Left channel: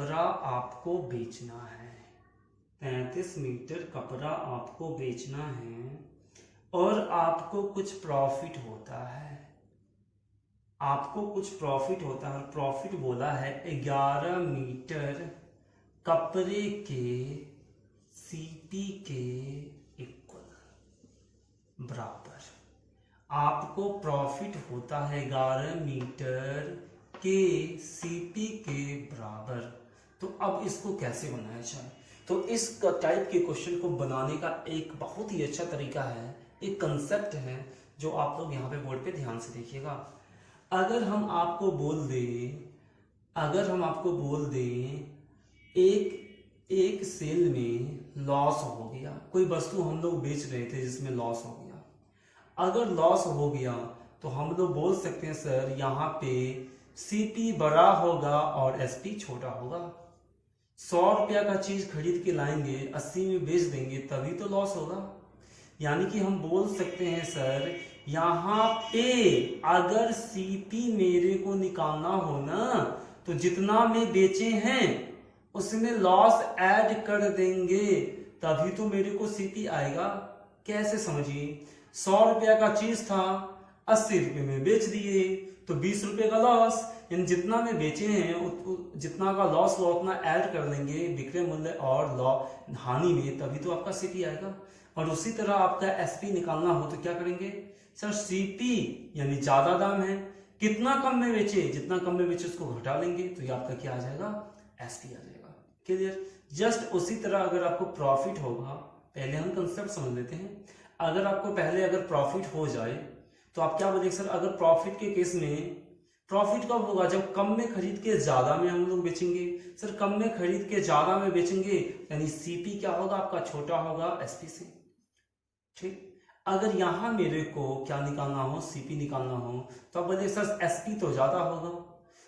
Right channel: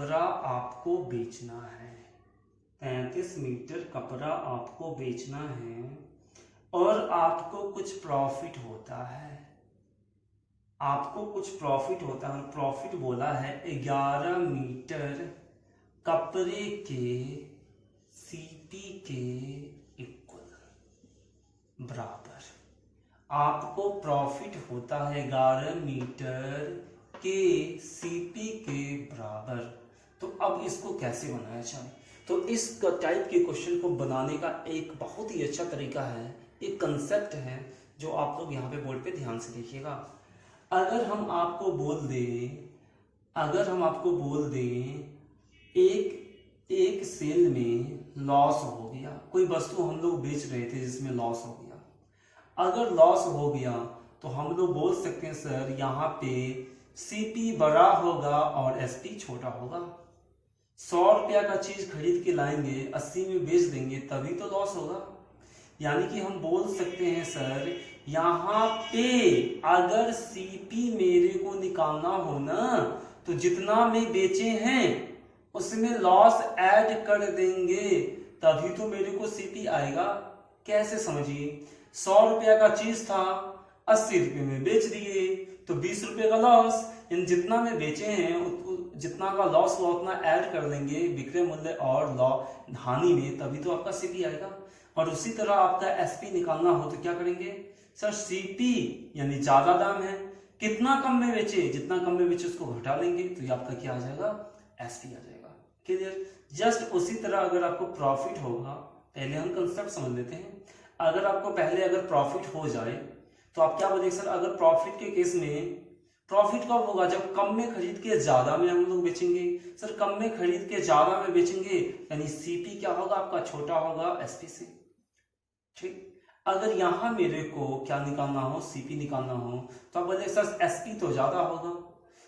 कपड़ा आपको बेचना है, 33 मीटर कपड़ा आपको बेचना है और आपको कुछ प्रॉफिट होता है। आपको कुछ प्रॉफिट होता है। प्रॉफिट बोला है 11 मीटर कपड़े के सीपी के इक्वल बराबर। आपको प्रॉफिट होता है 11 मीटर के सीपी के बराबर। तो अब इसको कैसे बनाया जाए? तो इस टाइप के क्वेश्चन को बनाने का एक बहुत ही अच्छा तरीका है, एक कंसेप्ट है जो आप लोग यहाँ पे बोर्ड पे ध्यान से देखिएगा। अगर हम आपको बोल दें एक सेल में लॉस हो गया, कोई वस्तु हम लोग बेच रहे थे जिसमें लॉस हो गया। अगर लॉस हो गया तो हम लोग बोल सकते हैं सर यहाँ पे सीपी बड़ा होगा और एसपी छोटा होगा। 100 रुपया का चीज खरीद के लाएंगे, 80 में बेच देंगे, तभी तो लॉस होगा। यानी कि हम बोल सकते हैं सर यहाँ पे अगर सीपी मेरे को निकालना हो ना तो जितना में बेचे हैं उसमें लॉस ऐड कर देंगे, तभी तो मेरे को सीपी आएगा। कैसे समझिए, 100 रुपया का चीज था, 80 रुपये में बेच दिए तो 20 रुपये का लॉस। इन जितना में बेचे हैं जितना का लॉस हुआ उतना ऐड कर लेंगे विक्रय मूल्य और हानि में, तभी तो आपका सीपी आएगा। और उसी तरह आपका एसपी निकालना हो तो क्या करेंगे सर, सीपी यानी ज्यादा दाम है, कितना कम में बेचे, जितना कम में बेचे उसको घटा लेंगे तो ये आपका क्या आ जाएगा, एसपी आ जाएगा। क्लियर? जस्ट उसी तरह अगर आपको प्रॉफिट होगा, पहले हम कंसेप्ट समझ लेते हैं। अगर आपको पहले अगर प्रॉफिट हो जाए तो आप क्या बोलेंगे सर, अगर प्रॉफिट के केस में प्रॉफिट कब होगा, जब कम में खरीद के ज्यादा में हम लोग बेचेंगे। सर कम में खरीद के ज्यादा में बेचेंगे यानी सीपी क्या होगा आपका, छोटा होगा एसपी से। ठीक, अगर यहां मेरे को क्या निकालना हो, सीपी निकालना हो, तो आप बोले सर एसपी तो ज्यादा होगा,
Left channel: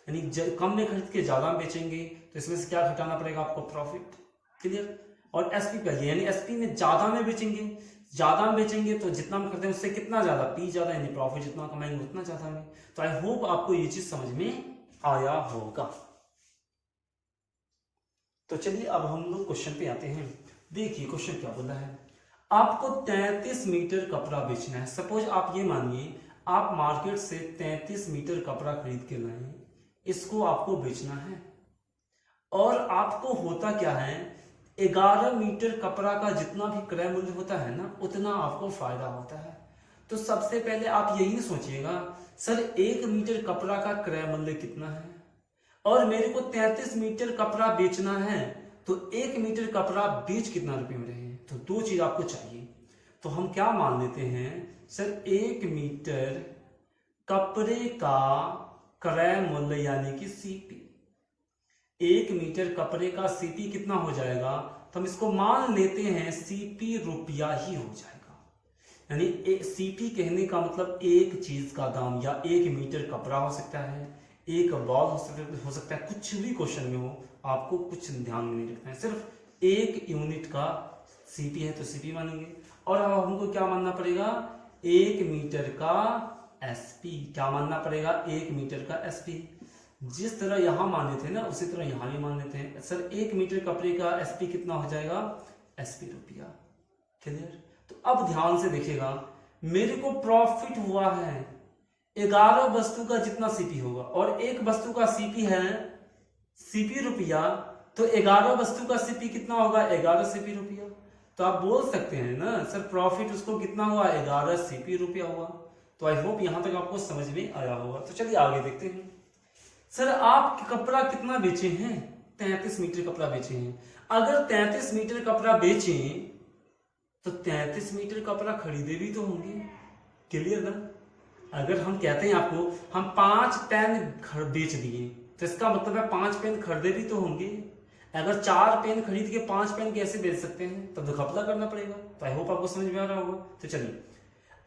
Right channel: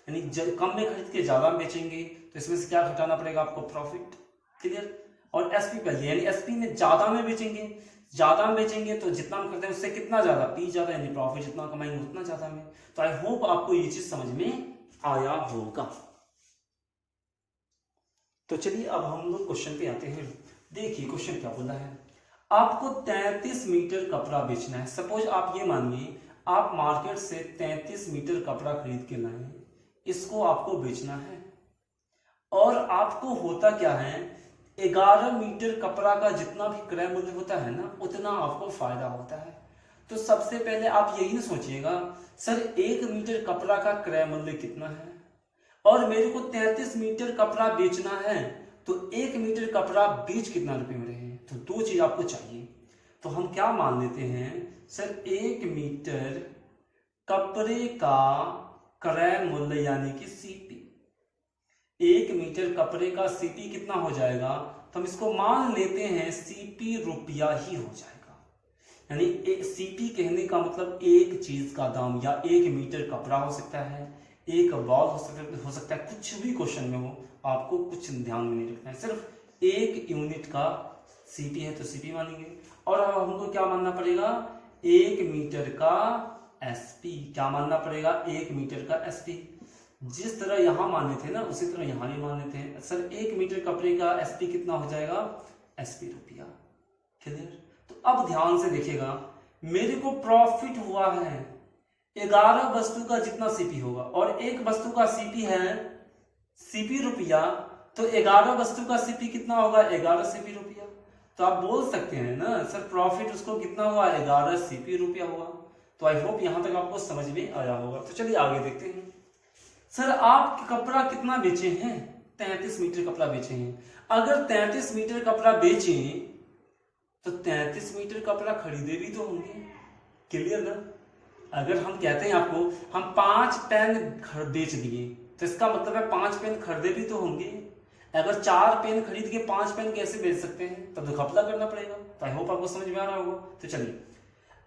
यानी कम में खरीद के ज्यादा में बेचेंगे तो इसमें से क्या घटाना पड़ेगा आपको, प्रॉफिट। क्लियर? और एसपी पहले यानी एसपी में ज्यादा में बेचेंगे, ज्यादा में बेचेंगे तो जितना हम करते हैं उससे कितना ज्यादा, पी ज्यादा, यानी प्रॉफिट जितना कमाएंगे उतना ज्यादा में। तो आई होप आपको ये चीज समझ में आया होगा। तो चलिए अब हम लोग क्वेश्चन पे आते हैं। देखिए क्वेश्चन क्या बोला है, आपको 33 मीटर कपड़ा बेचना है। सपोज आप ये मानिए आप मार्केट से 33 मीटर कपड़ा खरीद के लाए, इसको आपको बेचना है और आपको होता क्या है, 11 मीटर कपड़ा का जितना भी क्रय मूल्य होता है ना उतना आपको फायदा होता है। तो सबसे पहले आप यही ना सोचिएगा सर 1 मीटर कपड़ा का क्रय मूल्य कितना है और मेरे को 33 मीटर कपड़ा बेचना है, तो 1 मीटर कपड़ा बेच कितना रुपए में रहे, तो दो चीज आपको चाहिए। तो हम क्या मान लेते हैं सर 1 मीटर कपड़े का क्रय मूल्य यानी कि सीपी, 1 मीटर कपड़े का सीपी कितना हो जाएगा, तो हम इसको मान लेते हैं सीपी रुपया ही हो जाएगा। यानी सीपी कहने का मतलब एक चीज का दाम, या 1 मीटर कपड़ा हो सकता है, एक बॉल हो सकता है, कुछ भी क्वेश्चन में हो, आपको कुछ ध्यान में नहीं रखना है, सिर्फ 1 यूनिट का सीपी है तो सीपी मानेंगे। और अब हमको क्या मानना पड़ेगा, 1 मीटर का एसपी, क्या मानना पड़ेगा, 1 मीटर का एसपी। जिस तरह यहां माने थे ना उसी तरह यहां भी मान लेते हैं सर 1 मीटर कपड़े का एसपी कितना हो जाएगा, एसपी रुपया। क्लियर? तो अब ध्यान से देखिएगा, मेरे को प्रॉफिट हुआ है 11 वस्तु का जितना सीपी होगा और एक वस्तु का सीपी है सीपी रुपया, तो 11 वस्तु का सीपी कितना होगा, 11 सीपी रुपया। तो आप बोल सकते हैं ना सर प्रॉफिट उसको कितना हुआ, 11 सीपी रुपया हुआ। तो आई होप यहां तक आपको समझ में आया होगा। तो चलिए आगे देखते हैं। सर आप कपड़ा कितना बेचे हैं, 33 मीटर कपड़ा बेचे हैं। अगर 33 मीटर कपड़ा बेचे तो 33 मीटर कपड़ा खरीदे भी तो होंगे। क्लियर ना? अगर हम कहते हैं आपको हम 5 पेन बेच दिए तो इसका मतलब है 5 पेन खरीदे भी तो होंगे। अगर 4 पेन खरीद के 5 पेन कैसे बेच सकते हैं, तब तो घपला करना पड़ेगा। तो आई होप आपको समझ में आ रहा होगा। तो चलिए,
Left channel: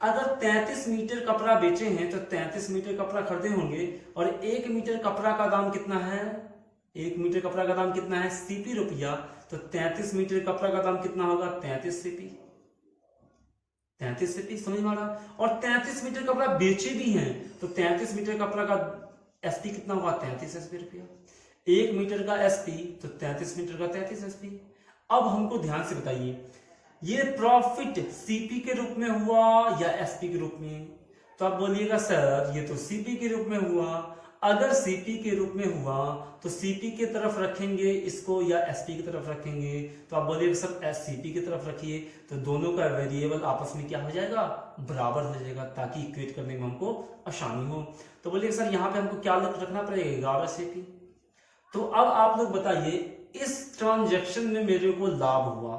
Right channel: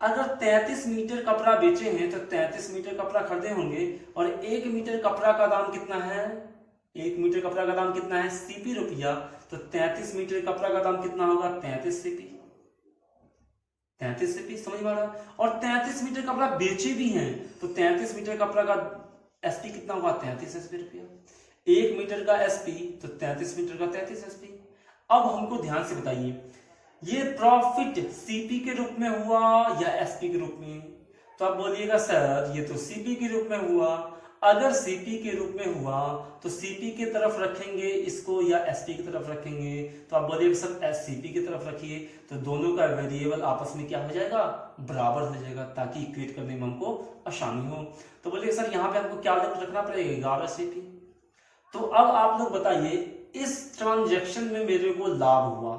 अगर 33 मीटर कपड़ा बेचे हैं तो 33 मीटर कपड़ा खरीदे होंगे और 1 मीटर कपड़ा का दाम कितना है, 1 मीटर कपड़ा का दाम कितना है, सीपी रुपया। तो 33 मीटर कपड़ा का दाम कितना होगा, 33 सीपी। 33 सीपी, समझ में आ रहा? और 33 मीटर कपड़ा बेचे भी हैं तो 33 मीटर कपड़ा का एसपी कितना होगा, 33 एसपी रुपया। 1 मीटर का एसपी तो 33 मीटर का 33 एसपी। अब हमको ध्यान से बताइए ये प्रॉफिट सीपी के रूप में हुआ या एसपी के रूप में? तो आप बोलिएगा सर ये तो सीपी के रूप में हुआ। अगर सीपी के रूप में हुआ तो सीपी की तरफ रखेंगे इसको या एसपी की तरफ रखेंगे? तो आप बोलिएगा सर एससीपी की तरफ रखिए, तो दोनों का वेरिएबल आपस में क्या हो जाएगा, बराबर हो जाएगा, ताकि इक्वेट करने में हमको आसानी हो। तो बोलिए सर यहाँ पे हमको क्या रखना पड़ेगा, 11 सीपी। तो अब आप लोग बताइए इस ट्रांजैक्शन में मेरे को लाभ हुआ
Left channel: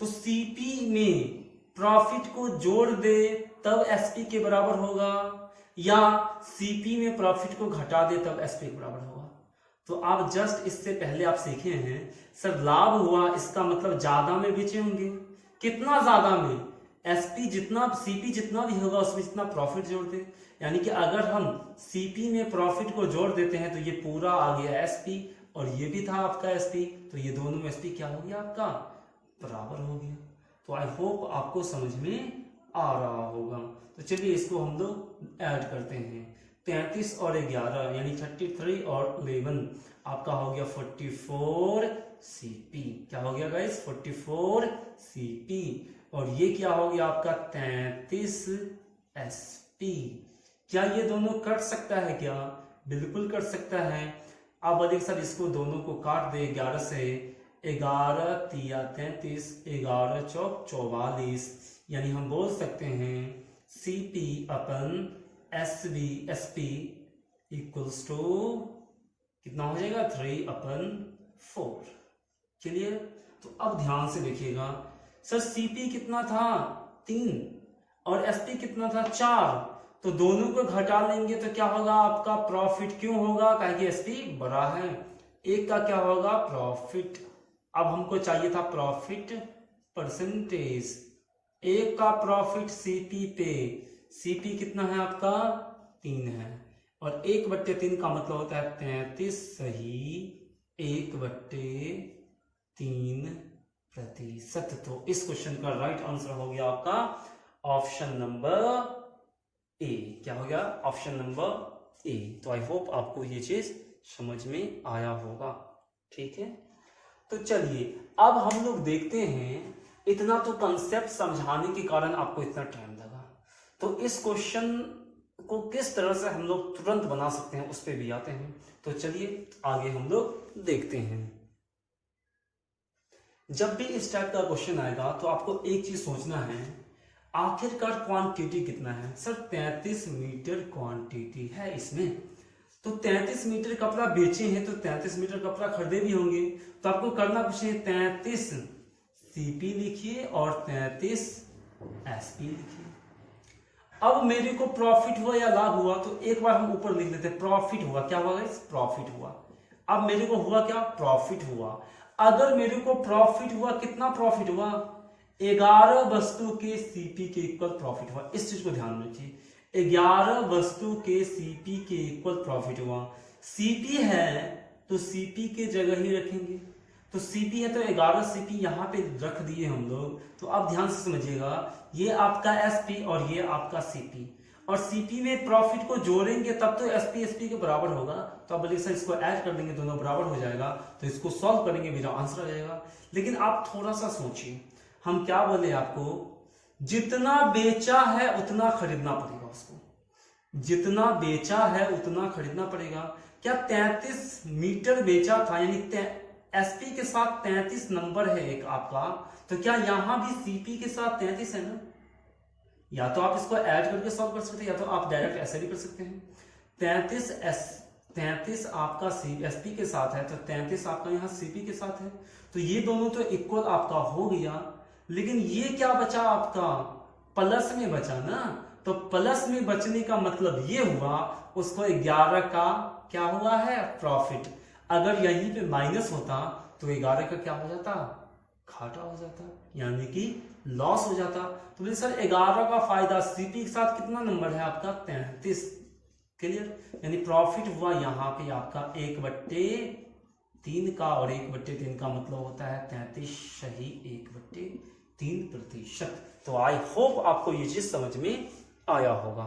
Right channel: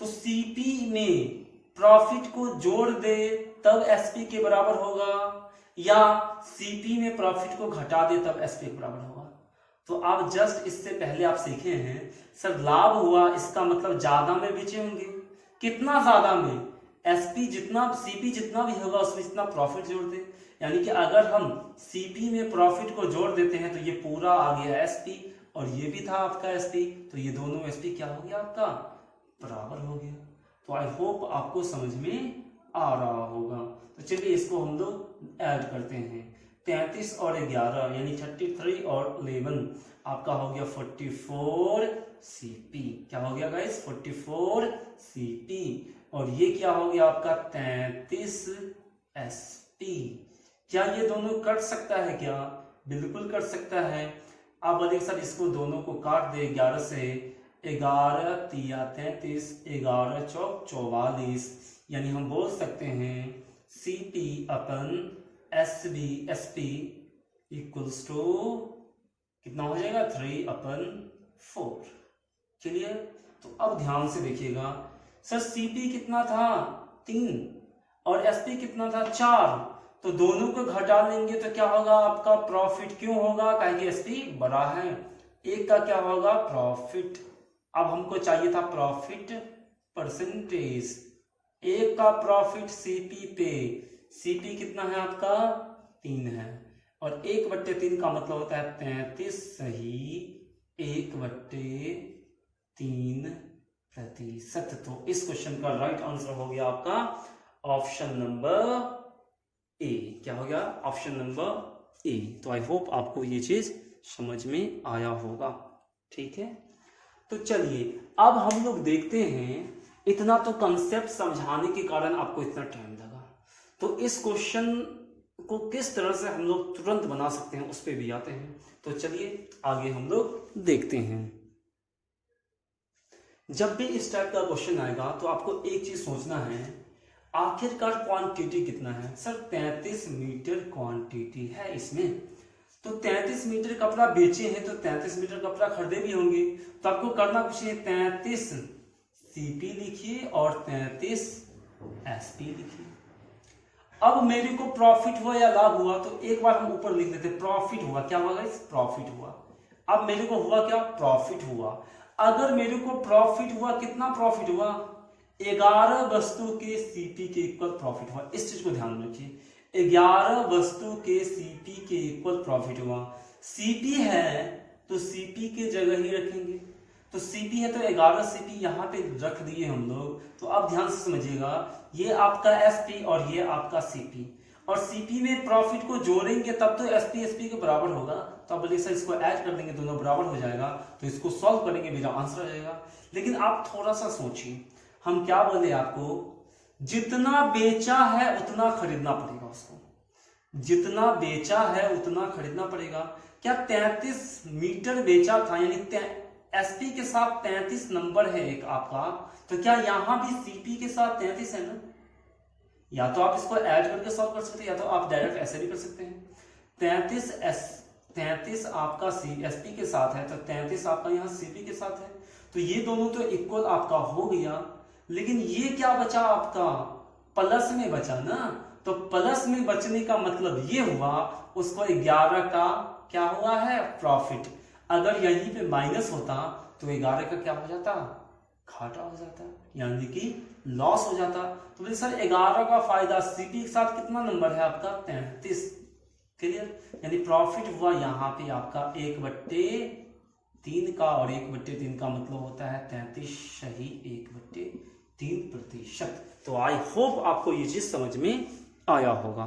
तो सीपी में प्रॉफिट को जोड़ दे तब एसपी के बराबर होगा, या सीपी में प्रॉफिट को घटा दे तब एसपी के बराबर होगा? तो आप जस्ट इससे पहले आप सीखे हैं सर लाभ हुआ इसका मतलब ज्यादा में बेचे होंगे। कितना ज्यादा में? एसपी जितना सीपी जितना भी होगा उसमें जितना प्रॉफिट जोड़ दे। यानी कि अगर हम सीपी में प्रॉफिट को जोड़ देते हैं तो ये पूरा आ गया एसपी और ये भी था आपका एसपी, तो ये दोनों एसपी क्या हो गया आपका, बराबर हो गया। तो आई होप आपको समझ में आ रहा होगा। तो चलिए इसको हम लोग ऐड करते हैं। 33 और 11 यानी 33 और 11 आपका हो गया 44 सीपी। क्या हो गया गाइस, 44 सीपी। और ये क्या हो गया आपका 33 एसपी। क्या ये दोनों कट सकता है क्या? बिल्कुल कट सकता है। आप बोलेंगे सर इसको दोनों को काट दे 11 से, 11 तिया 33, 11 चौक 44, यानी हम बोल सकते हैं CP upon SP equals to कितना हो जाएगा, 3/4। चलिए तो अब ध्यान से देखिएगा सर सीपी कितना था, 3 और एसपी कितना था, 4। तो दोनों को घटा लेंगे तो क्या होगा आपका प्रॉफिट, क्यों होगा, कहेंगे एसपी बड़ा है। एक का क्या होगा प्रॉफिट, अब हमको चाहिए था प्रॉफिट परसेंटेज। एक का प्रॉफिट सीपी पे, सीपी कितना है आपका 3 है, और 1/3 का मतलब होता है 33 सही 1/3%। तो इस क्वेश्चन का राइट आंसर हो गया आपका ऑप्शन नंबर ए। क्या हो गया, ऑप्शन नंबर ए। तो आई होप आपको ये चीज समझ में आया होगा, ठीक है। तो चलिए अब हम लोग देखते हैं, इतना तो कंसेप्ट समझाने के कारण आपको इतना टाइम लगा, तो इस क्वेश्चन को किस तरह से हम लोग तुरंत बना सकते हैं उस पर भी आते हैं। तो चलिए आगे हम लोग देखते हैं। जब भी इस टाइप का क्वेश्चन आएगा तो आपको एक चीज सोचना है, आखिरकार क्वांटिटी कितना है। सर 33 मीटर क्वांटिटी है इसमें, तो 33 मीटर कपड़ा बेचे हैं तो 33 मीटर कपड़ा खरीदे भी होंगे। तो आपको करना कुछ नहीं, 33 सीपी लिखिए और 33 एसपी लिखिए। अब मेरे को प्रॉफिट हुआ या लाभ हुआ तो एक बार हम ऊपर लिख लेते, प्रॉफिट हुआ। क्या हुआ गाइस, प्रॉफिट हुआ। अब मेरे को हुआ क्या, प्रॉफिट हुआ। अगर मेरे को प्रॉफिट हुआ, कितना प्रॉफिट हुआ, 11 वस्तु के सीपी के इक्वल प्रॉफिट हुआ। इस चीज को ध्यान में रखिए, 11 वस्तु के सीपी के इक्वल प्रॉफिट हुआ। सीपी है तो सीपी के जगह ही रखेंगे, तो सीपी है तो 11 सीपी यहां पे रख दिए हम लोग। तो आप ध्यान से समझिएगा, ये आपका एसपी और ये आपका सीपी, और सीपी में प्रॉफिट को जोड़ेंगे तब तो एसपी एसपी के बराबर होगा। तो आप बोलिए सर इसको ऐड कर देंगे दोनों बराबर हो जाएगा, तो इसको सॉल्व करेंगे मेरा आंसर आ जाएगा। लेकिन आप थोड़ा सा सोचिए, हम क्या बोले आपको, जितना बेचा है उतना खरीदना पड़ेगा उसको, जितना बेचा है उतना खरीदना पड़ेगा। क्या 33 मीटर बेचा था, यानी एसपी के साथ 33 नंबर है एक आपका, तो क्या यहां भी सीपी के साथ 33 है ना। या तो आप इसको ऐड करके सॉल्व कर सकते हैं, या तो आप डायरेक्ट ऐसे भी कर सकते हैं। 33 आपका एसपी के साथ है तो 33 आपका यहाँ सीपी के साथ है, तो ये दोनों तो इक्वल आपका हो गया। लेकिन ये क्या बचा आपका, प्लस में बचा ना। तो प्लस में बचने का मतलब ये हुआ उसको 11 का क्या हुआ है, प्रॉफिट। अगर यहीं पे माइनस होता तो 11 का क्या हो जाता, घाटा हो जाता, यानी कि लॉस हो जाता। तो सर 11 का फायदा, सीपी के साथ कितना नंबर है आपका 33, क्लियर। यानी प्रॉफिट हुआ यहाँ पे आपका 1/3 का, और 1/3 का मतलब होता है 33 सही 1/3%। तो आई होप आपको ये चीज समझ में आया होगा।